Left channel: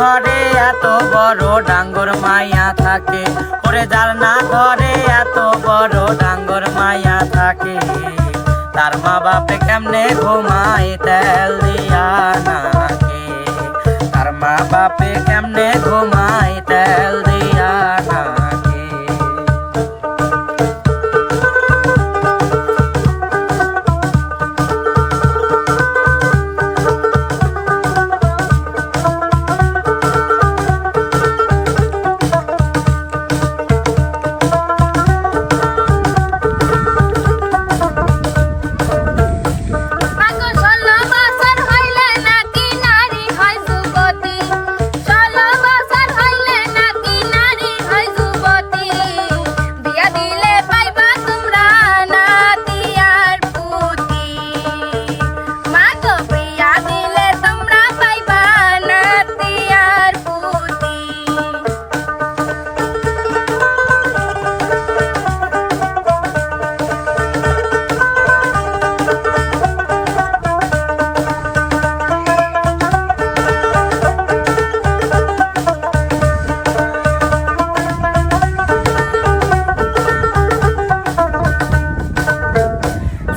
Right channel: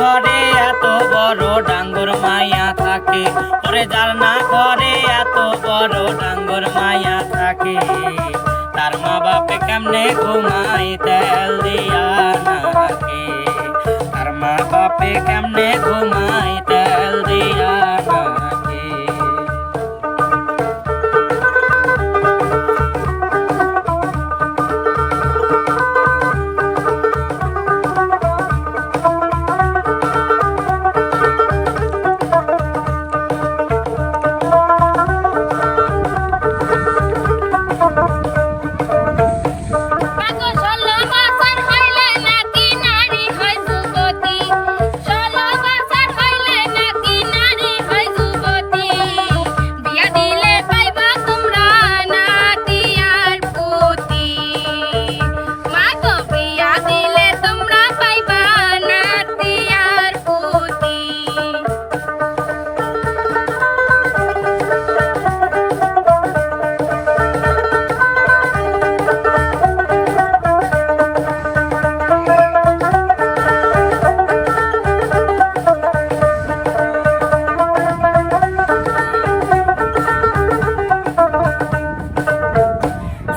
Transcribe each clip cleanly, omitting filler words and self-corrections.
ঘরে এত বড় ডাঙ্গর মাইয়া থাকে, ওরে যার না ঘরে এত বড় ডাঙ্গর মাইয়া থাকে, তার মা বাপে কেমনে ঘুমায় তেল দিয়া নাকে, তার মা বাপে কেমনে ঘুমায় তেল দিয়া নাকে।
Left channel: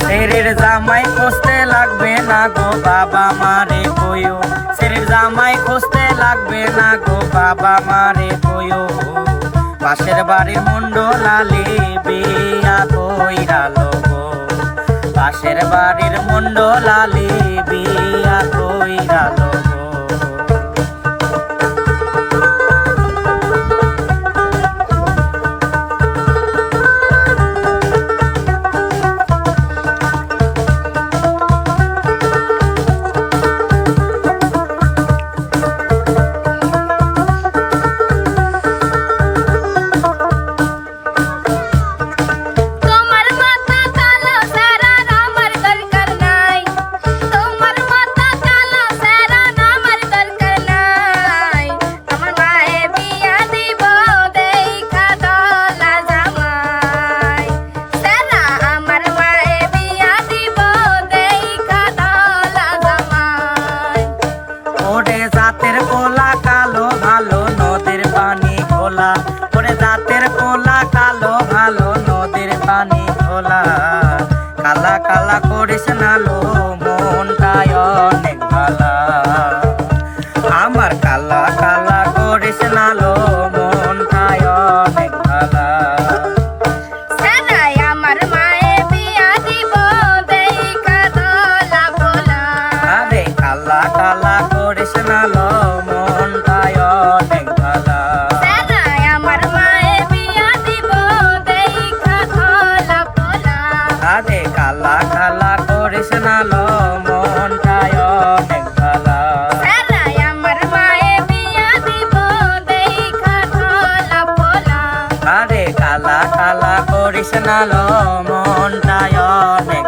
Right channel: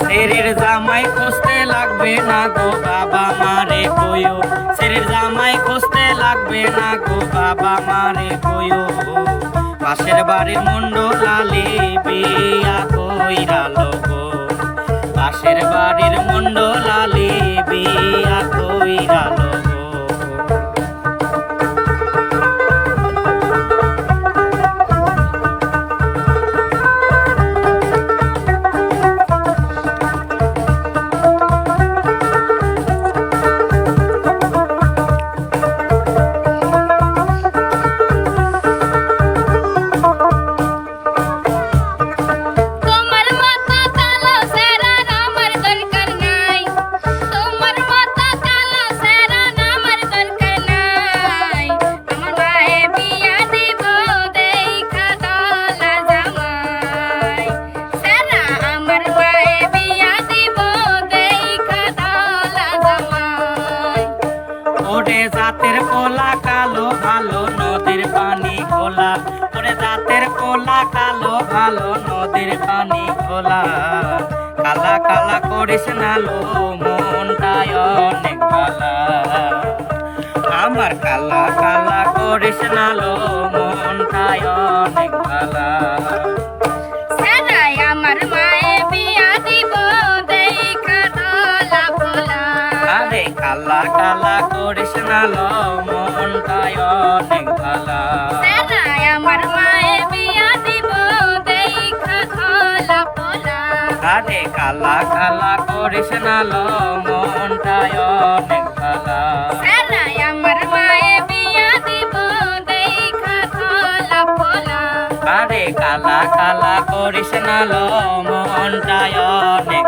সেরের জামাই খুঁজতে লাগবে না গো বাবা মারে কইও, সেরের জামাই খুঁজতে লাগবে না গো বাবা মারে কইও, পাশের বাড়ির মুন্ডলালি বিয়া কইরালো গো, পাশের বাড়ির মুন্ডলালি বিয়া কইরালো গো। ওরে জাতের কোলা কালো ভালো নদীর পানি খোলা, ওরে জাতের কোলা কালো ভালো নদীর পানি খোলা, কালা কালা করিস না লো মনটায় অনেক ভালা, আমার কালা কালা করিস না লো মনটায় অনেক ভালা। কালা কালা করিস না লো মনটায় অনেক ভালা, আমার মায়ে বিয়া দিব দেখা খোলা পোলা, আরে কালা কালা করিস না লো মনটায় অনেক ভালা, আমার মায়ে বিয়া দিব দেখা খোলা পোলা, আরে কালা কালা করিস না লো মনটায় অনেক